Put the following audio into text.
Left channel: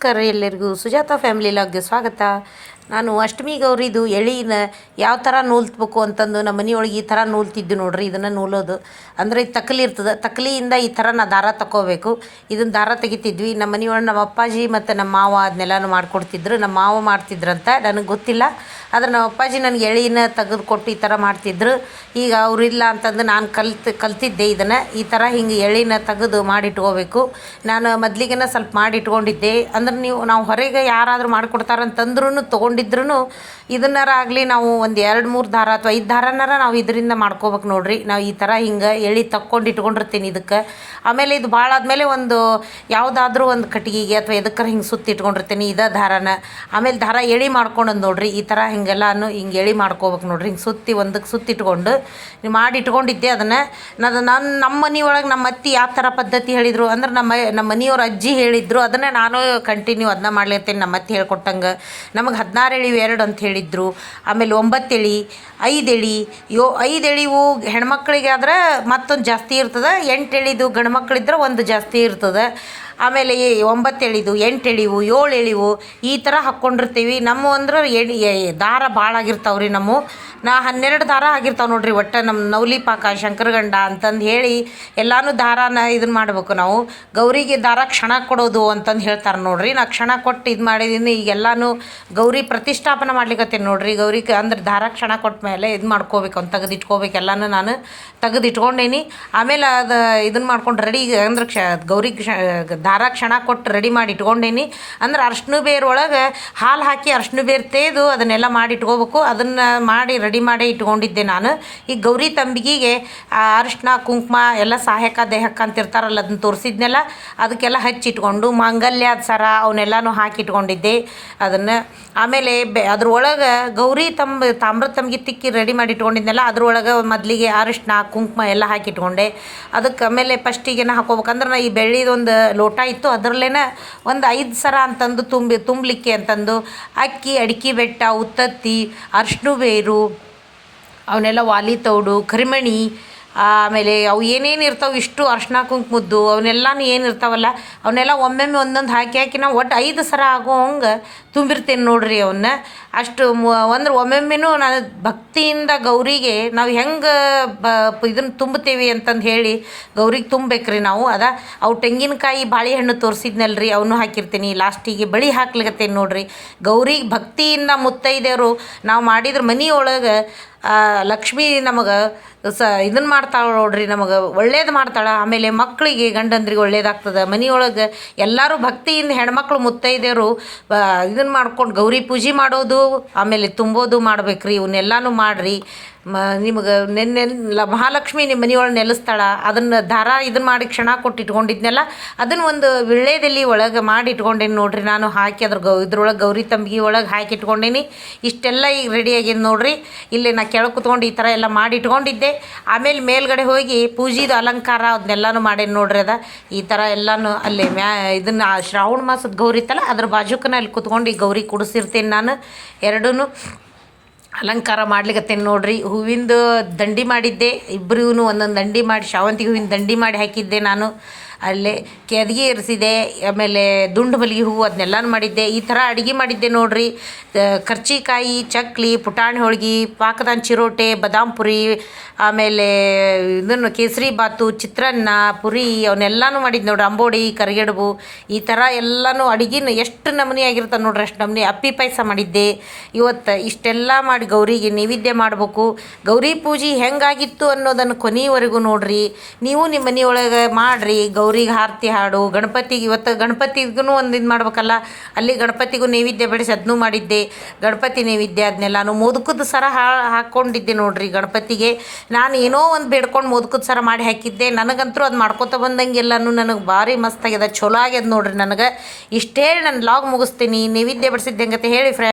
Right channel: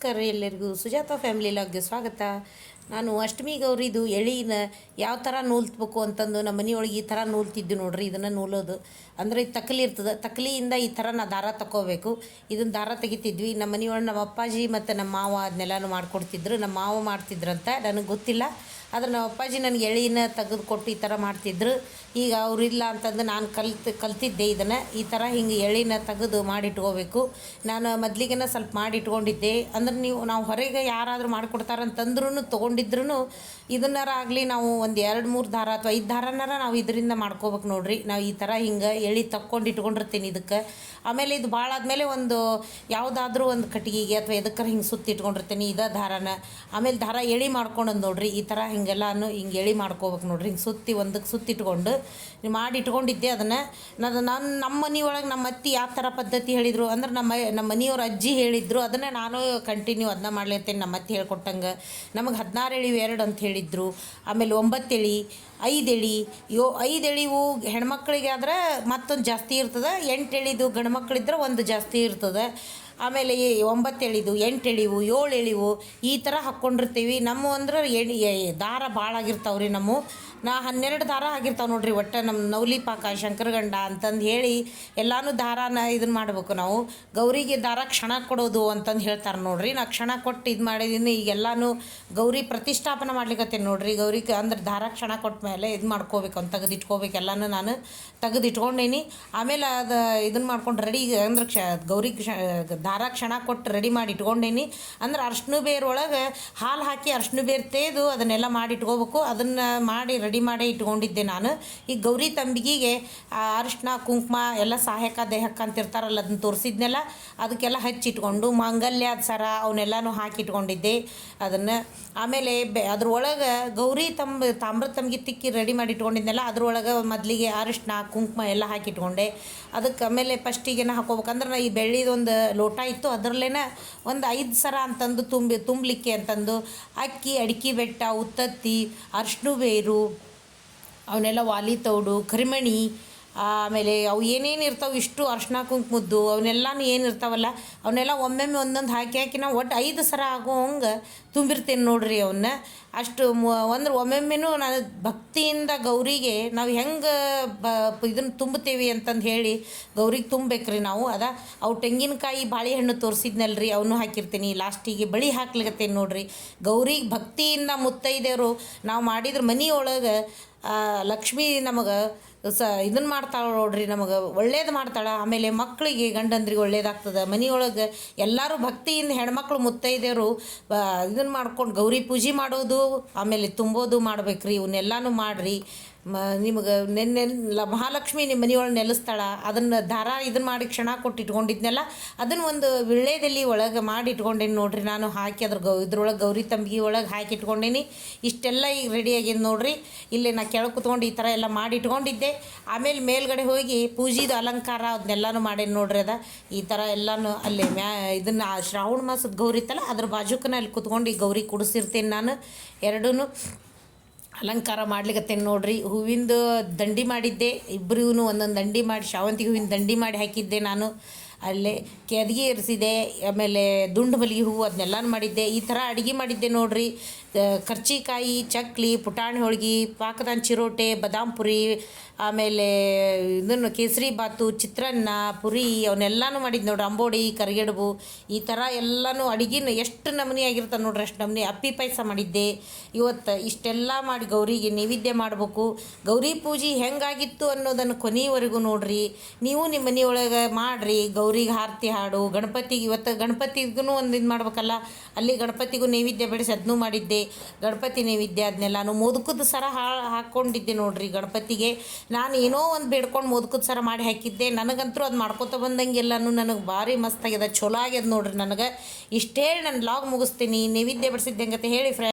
ನಮಸ್ಕಾರ ಎಲ್ಲರಿಗೂ ಸುಜಾತ ಫ್ಯಾಮಿಲಿ ಲಾಗ್ಗೆ ಸ್ವಾಗತ ನಾನು ಅಷ್ಟಮಿ ಗೌರಿದು ಎಳಿನ ಯಾವ ಥರ ನೂಲ್ತಬೇಕು ಅಂತಂದು ನಮ್ಮ ಮನೆಯೊಳಗೆ ಈ ಥರ ನೂಲ್ತಿದ್ದು ನೋಡ್ರಿ ಇದನ್ನು ನೂಲೋದು. ಅಂದರೆ ಇದು ತಕ್ಕಲಿ ಇರ್ತದೆ ತಕ್ಕಲಿಯಿಂದ ಈ ಥರ ನಾ ದಾರ ತಗೋಬೇಕು ಇದನ್ನು ದಾರ ತೆಗಿತಿದ್ವಿ. ನಮ್ಮ ಮನೆಯೊಳಗೆ ನಮ್ಮ ಅಪ್ಪಾಜಿ ಮತ್ತು ನಮ್ಮ ಮಾವ ಅದನ್ನೆಲ್ಲನೂ ಮಾಡಿಕೊಡ್ತಿದ್ರು. ನಮ್ಮ ಮಾವ ಮಾಡ್ತಿದ್ರಂತ ನನಗೆ ಗೊತ್ತಿಲ್ಲ. ಆದ್ರೆ ನಮ್ಮ ಅಪ್ಪಾಜಿ ನನಗೆ ಎಳಿನ ತೆಗೆದು ಕೊಟ್ಟು ಈ ಥರ ಮಾಡ್ತಿದ್ರು. ಈಗ ಅವರಿಲ್ಲ ಅಂತಂದು ನಾನು ಕಲ್ತು, ಕಲ್ತಿದ್ದೆ ಇದನ್ನು. ಈ ಥರ ಹಿಂಗೆ ಎಳಿನ ತೆಗೆದು ಮಾಡಿಟ್ಕೋಬೇಕು. ನಾನು ಮೊದಲಿಗೆನ ಸ್ವಲ್ಪ ಮಾಡಿಟ್ಕೊಂಡಿದ್ದೆ. ಅಂದ್ರೆ ನೀವು ನಾವು ಹೊರಗೆ ಯಾರಾದರೂ ಮಾಡಿಕೊಡ್ತಾರಂತಂದ್ರೂ ತೊಗೊಂಡಿದ್ರು ಇದನ್ನಾರ ಆಗಲಿ ನಾವು ಒಂದು ಎರಡು ಮೂರು ದಾರ ಅಥವಾ ಐದು ದಾರನಾರ ನಾವು ಇದರಿಂದ ಮಾಡ್ಕೋಬೇಕು ನೋಡ್ರಿ. ನಾವು ಈ ಥರ ಹಿಂಗೆ ಎಳಿ ತಕ್ಕೊಂಡು ಇಟ್ಕೊಂಡಿರ್ತೀನಿ ಇದಕ್ಕೆ. ಆಮೇಲೆ ಇದು ಭಾಳ ಆದಮೇಲೆ ಒಂದು ಯಾವುದಾದ್ರೂ ಒಂದು ಕಟ್ಟಿಗೆಗೆ ಅಥವಾ ಎದಕ್ಕಾರ ಹಿಂಗೆ ಸುತ್ತಿ ಇಟ್ಕೊಂಡಿರ್ತೀನಿ ಇದೇ ದಾರನ. ಆಮೇಲೆ ದಾರ ಎಳಿ ಮಾಡ್ಕೊಂಡು ನೋಡ್ರಿ. ಈ ಥರ ಹಿಂಗೆಲ್ಲಾನು ಹಿಂಗೆ ಎಳಿ ಮಾಡ್ಕೋಬೇಕು ನೋಡ್ರಿ. ಹಿಂಗೆ ಸುತ್ತಿ ಒಂದಕ್ಕೆ ಸುತ್ತಿಟ್ಕೊಂಡು ಮಾಡಿ ಇಟ್ಕೊಂಡಿದ್ದೆ ಅದನ್ನು. ನಾನು ನನ್ನ ನಮ್ಮ ಮನೆ ಒಳಗೆ ನಮ್ಮ ಅತ್ತಿ ಯಾವ ಥರ ಪದ್ಧತಿ ಹೇಳಿದರು ಅಂದ್ರೆ ನಮ್ಮ ನಮ್ಮ ಮನೆಯವ್ರ ಅಜ್ಜಿ ಹೇಳಿದ್ರು. ಅದನ್ನು ನಾನು ಕಂಟಿನ್ಯೂ ಅದನ್ನ ಮಾಡ್ಲಿರ್ತೀನಿ ನಮ್ಮ ಅತ್ತಿ ಹೇಳ್ಕೊಟ್ಟಂಗೆ. ನಮಗೆ ಹದಿನಾರು ಎಳಿವು ಎರಡು ಅಂತ ಹೇಳಿದ್ರು ಆಮೇಲೆ ಒಂಬತ್ತು ಎಳಿ ಐದು ಎಳಿ ಯೋ ಐದು ಎಳಿವು ಹೆಣ್ಮಕ್ಳಿಗೆ ಆದ್ರೆ ಮತ್ತೊಂದು ಜಾಸ್ತಿ ಇರ್ತದೆ ಎಂಟು ಎಳಿದು ಗಂಡು ಮಕ್ಳಿದ್ರೆ ಒಂದು ಜಾಸ್ತಿ ಇರ್ತದೆ. ಆಮೇಲೆ ಒಂಬತ್ತು ಎಳಿದು ಎಂಟು ಎಳಿವು ಏಳು ಎಳಿವು ಈ ಥರ ಹಾಕ್ಕೊಂಡಿರ್ತೀವಿ ನಮ್ಮ ಅಂದ್ರೆ ಎಳಿ ದಾರ ಭಾಳ ಆಗಿರ್ತಾವೆ ರೀ ನಮ್ಮ. ನಾ ಹನ್ನೆರಡು ದಾರ ಆಗಿರ್ತಾವೆ ನೋಡ್ರಿ ಒಟ್ಟು ನಮ್ಮ ನವಲಿ ಪಾಕ, ಶಂಕರಗಂಡ ಅಂತಂದು ಹೇಳಿ ಎಲ್ಲಾನು ದಾರಾನ ಇದನ್ನ ಮಾಡ್ಬೇಕು ನಾವು. ಗೌರಿಗೆ ದಾರ ಕ್ಷಣ ಕೊಡೋದು ಅಂತಂದು ಹೇಳ್ತಾರೆ ನೋಡ್ರಿ. ನಾ ಕ್ಷಣ ಕೊಟ್ಟು ಇದು ಮಾಡಿದ್ದೀನಿ ಈಗ ಎಲ್ಲಾನು ಗೌರಿ ಪ್ರತಿಷ್ಠಾಪನೆ ಮಾಡ್ಲಿಕತ್ತೀನಿ ನೋಡ್ರಿ. ಗೌರಿಗೆ ಅಂದ್ರೆ ದಾರ ಕ್ಷಣ ಕೊಟ್ಟ ಮೇಲೆ ಇದು ಮಾಡ್ಕೋಬೇಕು ಅಂತ ತೆಗೆದಿಟ್ಕೋಬೇಕು, ಎಲ್ಲಾನು ನಾನು ತೆಗೆದಿಟ್ಕೊಂಡೇನಿ. ಆಮೇಲೆ ಅದು ಇದನ್ನು ಮಾಡ್ಕೊಂಡು ರೆಡಿ ಅಂದ್ರೆ ಕ್ಷ ಗೌರಿ ಕ್ಷ, ದಾರ ಕ್ಷಣ ಕೊಟ್ಟು ರೆಡಿ ಮಾಡಿ ಇಟ್ಕೊಂಡೇನಿ. ಅಂದ್ರೆ ಅರ್ಶಿನ ಬೇರು ಒಳಗೆ ಹಾಲು ಹಾಕಿ ಅರ್ಶಿನ ಬೇರು ತೇದು ಅದನ್ನೆಲ್ಲ ಮಾಡಿ ಇಟ್ಕೋಬೇಕು. ಅದನ್ನು ಮಾಡಿ ಮಾಡಿ ಇಟ್ಕೊಂಡಿದ್ದೆ ನಾನು. ಈ ಗೌರಿ ತಂಬಿಗೆಗೆ ಅರಿಶಿನ, ಕುಂಕುಮ ಎಲ್ಲ ಸಹಾಯಕ ದೇಹಕ್ಕೆ ಅಂತಿರ್ತಾರಲ್ಲ, ಅದನ್ನ ತೋರಿಸಿದ್ನೆಲ್ಲ, ಅದಕ್ಕೆಲ್ಲ ಹಚ್ಚಿಟ್ಕೊಂಡು ಮಾಂಗಲ್ಯದ ಸರ ಅವನ್ನೆಲ್ಲನೂ ಹಾಕಿಟ್ಕೊಂಡಿದ್ದೆ ಅದನ್ನು. ಆಮೇಲೆ ಬೆ ಅದ್ರೊಳಗೆ ಗೌರಿ ತಂಬ ತಾಮ್ರ ತಂಬಿಗೆ ತಿಕ್ಕಿ ರೆಡಿ ಮಾಡಿ ಇಟ್ಕೊಂಡಿದ್ನೆಲ್ಲ, ಅದ್ರೊಳಗೆ ಮೊದಲಿಗೆ ಅರಿಶಿನ, ಕುಂಕುಮ ಎಲ್ಲ ಹಾಕಿಟ್ಕೊಂಡೆ. ಅದಕ್ಕೆ ಆಮೇಲೆ ಫಸ್ಟಿಗೆನ ಹಾಕೋಬೇಕಂದ್ರೆ ನಾ ಈ ಬೆಳ್ಳಿದೊಂದು ಲೋಟ ಇತ್ತು, ಅದರಲ್ಲೇನ ಒಂದು ಐದು ಸರ ಅಂತಂದು ತುಂಬಿ, ತುಂಬಲಿಕ್ಕೆ ಅಂತಂದು ಅಕ್ಕಿ, ಅಡಿಕೆ ಬೆಟ್ಟ, ಉತ್ತತ್ತಿ, ಅರ್ಶಿನ ಬೇರು ಅವನ್ನೆಲ್ಲ ವಾಲಿ ತೌಡು, ಕರಿಮಣಿ, ಆಮೇಲೆ ಅವು ಏನೇನು ಇರ್ತಾವೆ ಇಷ್ಟು ಅರ್ಶಿನ ಕುಂಕುಮದ್ದು, ಅವನ್ನೆಲ್ಲನೂ ಏನು ಇರ್ತಾವಲ್ಲ, ಅವನ್ನೆಲ್ಲ ಒಮ್ಮೊಮ್ಮೆ ಒಂದೊಂದು ಹಾಕಿ ಹಾಕಿ ನಾವು ಒಟ್ಟು ಐದು ಸರ ಆಗೋ ಹಂಗೆ ತುಂಬಿರ್ತೇನೆ ನೋಡ್ರಿ ಅವನ್ನ ಅಷ್ಟು ಅಂದ್ರೆ ಒಮ್ಮೊಮ್ಮೆನೂ ನಾನು ಭಕ್ತಿಯಿಂದ ಗೌರಿಗೆ ನಾವು ಹೆಂಗೆ ಬ ಇದನ್ನು ತುಂಬುತ್ತೇವೆ ಅಂತಂದು ಹೇಳಿ ಗೌರಿಗೆ ತುಂಬಬೇಕ್ರಿ ನಾವು. ಅದ ಅವು ತೆಂಗಿನಕಾಯಿ ಬಾಳೆಹಣ್ಣು ರೀ ಅವನು ಹಾಕಿರ್ತೀನಿ. ಲಾಸ್ಟಿಗೆ ಬಳಿ ಹಾಕ್ಲಿಕತ್ತೇನೆ ನೋಡ್ರಿ. ಗೌರಿಗೆ ಭಕ್ತಿಯಿಂದ ಮುತ್ತೈದೆಯವರು ನಾವು ಮಾಡಿದ್ರೆ ಮನೆಯೊಳಗೆ ಲಕ್ಷ್ಮಿ ನಮಗೆ ಸ ಇದನ್ನು ಮಾಡ್ತಾಳೆ ನೋಡ್ರಿ ನಮಗೆ. ಒಳ್ಳೇದು ಮಾಡ್ತಾಳೆ. ಆಮೇಲೆ ಮಕ್ಕಳಿಗೆ ಗಂಡಂದ್ರಿಗೆ ಒಳ್ಳೇದಾಗ್ತದೆ. ಮನೆಯೊಳಗೆ ಎಲ್ಲರೂ ಭಕ್ತಿಯಿಂದ ಹೆಣ್ಮಕ್ಳು ಮುತ್ತೈದೆಯರು ಇದನ್ನು ಮಾಡ್ಕೊಂಡು ಗೌರಿ ಪೂಜೆ ಮಾಡೋದು ಆಮೇಲೆ ತುಂಬೋದು ಮಾಡ್ಬೇಕ್ರಿ ಇವನ್ನೆಲ್ಲಾನು ಮಾಡಿರಿ. ಮ, ನಿಮಗೆ ನೆನ್ನೆ ಮಹಾಲಕ್ಷ್ಮಿ ನಿಮ್ಮ ಮನೆಯೊಳಗೆ ನೆಲೆಸ್ತಾಳ, ಅದನ್ನು ದಾರ ಇದನ್ನು ಮಾಡಿ ಕ್ಷಣ ಕೊಟ್ಟು ಇಟ್ಕೊಂಡಿದ್ನೆಲ್ಲ ಅದನ್ನು ಒಂದು ವಿಳ್ಳೆದಲ್ಲಿ ಒಳಗೆ ಮಾಡಿ ಇಟ್ಕೊಂಡೇನಿ ನೋಡ್ರಿ, ನಾನು ಹಾಕಿ ಅದ್ರ ಗೌ, ಇದ್ರೊಳಗೆ ಗೌರಿ ತಂಬಿಗೆ ಒಳಗೆ ಹಾಕಿ ಇಟ್ಕೊಂಡೇನಿ. ಇಷ್ಟೆಲ್ಲ ಈಗ ರೆಡಿ ಆಗಿದೆ ನೋಡ್ರಿ, ಇಲ್ಲಿ ನಾ ಕೆಳಗೆ ಕುತ್ಕೊಂಡು ಈ ಥರ ಎಲ್ಲ ಮಾಡಿ ಇಟ್ಕೊಂಡಿದ್ದೆ. ಆಮೇಲೆ ಮೇಲ್ಗಡೆ ಹೋಗಿ ಪೂಜೆದು ಅಲಂಕಾರ ಅದನ್ನೆಲ್ಲನೂ ಮಾಡೇನಿ ನೋಡ್ರಿ ಅದ. ಈ ಥರ ಎಲ್ಲನೂ ಅಲ್ಲಿ ಮ್ಯಾ, ಇದನ್ನು ಶ್ರಾವಣ ಮಾಸದ ಗೌರಿ ಇತ್ತಲ್ಲ, ಅದ್ರ ಬಾಜುಕನ ಅಲ್ಲಿ ಕುತ್ಕೊಂಡು ಈ ಗೌರಿ ಕುಡಿಸಿರ್ತೀನಿ ನಾನು ಎರಡೂ ಅಲಂಕಾರ ಮಾಡ್ಲಿಕ್ಕತ್ತೇನೆ ನೋಡ್ರಿ. ಹೂವಿಂದು ದಂಡಿ ಮಾಡಿದ್ದೆ. ಇಬ್ಬರಿಗೂ ಒಂದೊಂದು ದಂಡಿ ಮಾಡಿ, ಶಾವಂತಿಗೆ ಹೂವಿನ ದಂಡಿ ಮಾಡಿ ಹಾಕಿದ್ದೆ ನಾನು. ಅಲ್ಲೇ ಕೆದಗಿ ಇರಿಸಿದೆ ಆಮೇಲೆ ದುಂಡು ಮಲ್ಲಿಗೆ ಹೂವು ಅದನ್ನೆಲ್ಲನೂ ಮಾಡಿದ್ದೆ. ಈ ಥರ ಅಡುಗೆ ಮಾಡಿದ್ದೆ ನೋಡ್ರಿ. ಕರ್ಚಿಕಾಯಿ, ಚಕ್ಲಿ, ಪುಟಾಣಿ ಹೋಳ್ಗೆ, ಪಾಕದಾನ್ ಚಿರೋಟೆ, ಬದಾಮ್ ಪುರಿ, ಆಮೇಲೆ ಇದನ್ನು ಕೇಸರಿ ಬಾತು, ಚಿತ್ರಾನ್ನ, ಪುರಿ ಅವನ್ನೆಲ್ಲನೂ ಮಾಡಿದ್ದು ನೋಡ್ರಿ. ಅಂಬೋಡಿ, ಕರಿಗಡುಬು, ಈ ಥರ ಎಲ್ಲನೂ ಅಡುಗೆನ ಎಷ್ಟು ನಮೂನಿ ಆಗಿರ್ತದೆ ನೋಡ್ರಿ, ಅಷ್ಟು ನಮೂನಿ ಅಪ್ಪಿ ಪಾಯಸ ಮಾಡಿದ್ದೆ. ಇವತ್ತು ಇಷ್ಟೆಲ್ಲ ಮಾಡಿ ಗೌರಿಗೆ ನೈವೇದ್ಯ ಮಾಡಬೇಕು. ಗೌರಿ ಪೂಜೆ ಹೆಂಗಾಗಿತ್ತು ಅನ್ನೋದನ್ನು ಕೊನೆಯವರೆಗೂ ನೋಡ್ರಿ. ನೀವು ನಿಮ್ಮ ಮನೆಯೊಳಗೆ ಮಾಡಿರಿ. ಗೌರಿಗೆ ಆರತಿ ಹಾಡು ಗಣಪತಿಗೆ ಇವತ್ತು ಗಣಪತಿಗೂ ಒಂದು ಇದು ಮಾಡ್ಬೇಕಲ್ಲ. ಅಲ್ಲಿ ಗಣಪತಿಗೂ ನೈವೇದ್ಯ ಬೆಳೆಸಿ ಅದನ್ನೂ ಮಾಡಿದ್ದೆ. ಗಣಪತಿ ನೈವೇದ್ಯ ಅದನ್ನೆಲ್ಲಾನು ಮೋದಕದ ಸರ ಹಾ ಹಾಕ್ಕೊಂಡಿದ್ದೆ ನೋಡ್ರಿ ಗಣಪತಿಗೆ. ನಾನು ಏನೋ ಒಂದು ಬೇಡ್ಕೊಂಡು ಮೋದಕದ ಸರ ಮಾಡಿ ಹಾಕಿದ್ದೆ. ನನಗಂತೂ ಅದು ಮಾಡ್ಕೊತ ಬಂದಂಗೆಲ್ಲನೂ ನನಗೆ ಭಾರಿ ಮಸ್ತ್ ಆಗ್ಯದ ಚಲೋ ಆಗ್ಯದ ನೋಡ್ರಿ ನನಗೆ. ಇಷ್ಟೇ ನಾನು ಲಾಗ್ ಮುಗಿಸ್ತೀನಿ. ನೈವೇದ್ಯ ಬಡಿಸಿದ್ದೆ ಹೆಂಗತೆ ಹೇಳಿ ಫ್ರೆಂಡ್